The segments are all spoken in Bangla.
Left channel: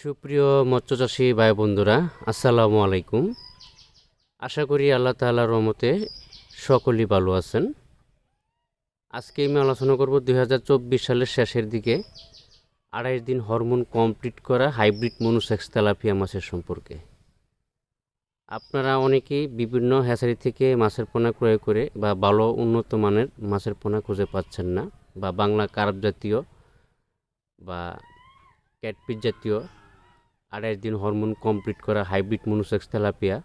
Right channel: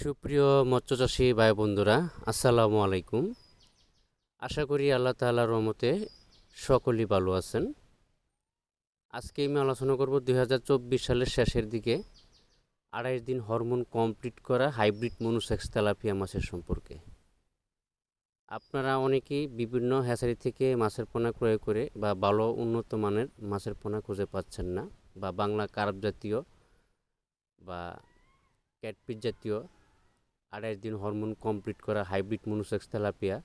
সুপ্রিয় মৎস্যচাষী ভাই বন্ধুরা, আসসালামু আলাইকুম। আশা করি আল্লাহ তাআলার রহমতে সকলেই ভালো আছেন। আজকে আমি আলোচনা করব 2024 সালের শেষের দিকে 28 দিন হরমোন কমপ্লিট করা হাইব্রিড মনোসেক্স তেলাপিয়া মাছের সম্পর্কে। আপনারা অনেকেই বিভিন্ন হ্যাচারি থেকে মাছের পোনা ক্রয় করে বা ভালো উন্নত মানের মাছের পোনা খুঁজে পাচ্ছেন না, বা বাংলা কার্প জাতীয় বা ক্যাটফিশ জাতীয় 28 দিন হরমোন কমপ্লিট করা হাইব্রিড মনোসেক্স তেলাপিয়া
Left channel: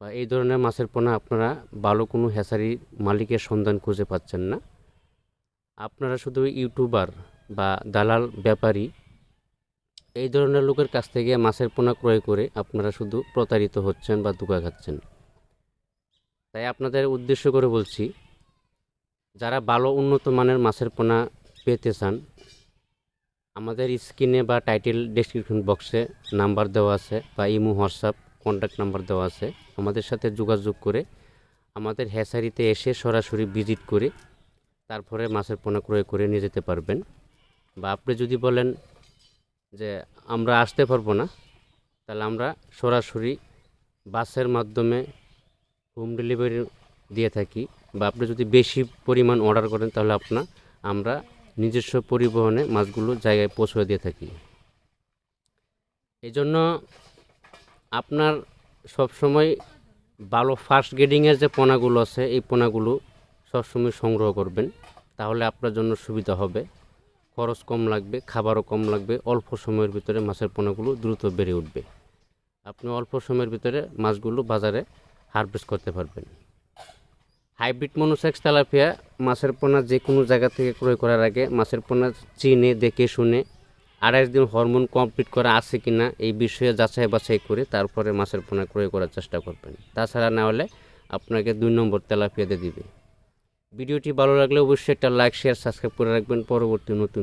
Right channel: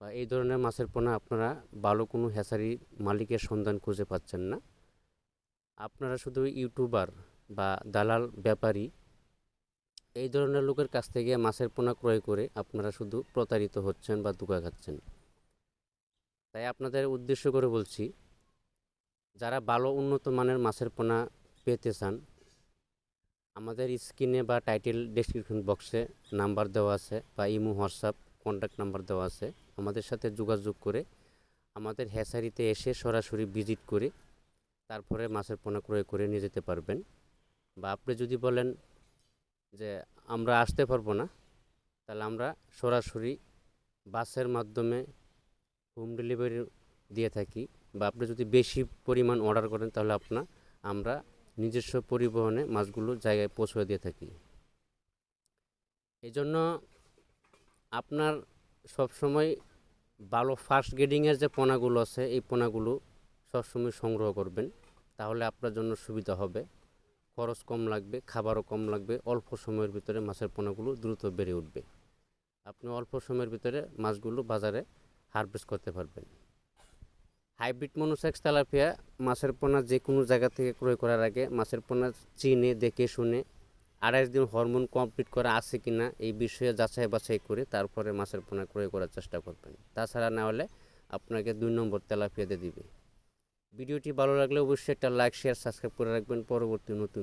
বা এই ধরনের মাছের পোনা আপনারা ভালো কোনো হ্যাচারির মালিকের সন্ধান খুঁজে পাচ্ছেন না। আপনারা শুধু ইউটিউবার বা দালাল ব্যাপারী এই ধরনের লোকের কাছ থেকে মাছের পোনা ক্রয় করে আপনারা শুধু প্রতারিত হচ্ছেন বা ধোঁকা খাচ্ছেন। তাই আপনাদের উদ্দেশ্য করে বলছি, যারা ভালো উন্নত মানের মাছের পোনা পেতে চান, আমাদের স্ক্রিনে বা টাইটেল ডেসক্রিপশন বক্সে নাম্বার দেওয়া আছে বা ইমো হোয়াটসঅ্যাপ কন্ট্যাক্ট নাম্বার দেওয়া আছে। আমাদের সাথে যোগাযোগ করে আমাদের হ্যাচারিতে এসে সরাসরি ভিজিট করে তারপরে মাছের পোনা ক্রয় করে নিয়ে যেতে পারবেন। বা আপনি যদি বলেন যে আমরা আসতে পারবো না, তাহলে আমরা সরাসরি বাসের মাধ্যমে হোম ডেলিভারি দিয়ে থাকি। বা আপনি যদি বেশি পরিমাণ অর্ডার করেন তাহলে আমরা নিজস্ব পরিবহনে মাছগুলো জায়গায় পৌঁছে দিয়ে থাকি। এই জন্য আপনার সবসময় ভালো ফার্স্ট গ্রেডিংয়ের যে পোনাগুলো আছে এই পোনাগুলো সবসময় সংগ্রহ করবেন, তাহলে আপনার জন্য সুবিধা হবে। খরচ কম লাগবে, খাবারও কম লাগবে, অল্প সময়ের ভিতরে মাছের পোনাগুলো দ্রুত বেড়ে উঠবে। আপনি অল্প সময়ের ভিতরে মাছগুলো বাজারে হারভেস্ট করতে পারবেন। হাইব্রিড মনোসেক্স তেলাপিয়া মাছের পোনা যে কোনো জায়গা থেকে ক্রয় করার আগে মাছের পোনা চিনে দেখে শুনে 28 দিন হরমোন কমপ্লিট করা আছে কি না এই বিষয়ে যাচাই বাছাই করে তারপরে মাছের পোনা ক্রয় করার চেষ্টা করবেন। তাছাড়া না হলে আপনাকে 2 নম্বর তেলাপিয়া দিয়ে দিবে। ভিডিওটি ভালো লাগলে অবশ্যই একটা লাইক শেয়ার সাবস্ক্রাইব করে রাখবেন। পরবর্তী নতুন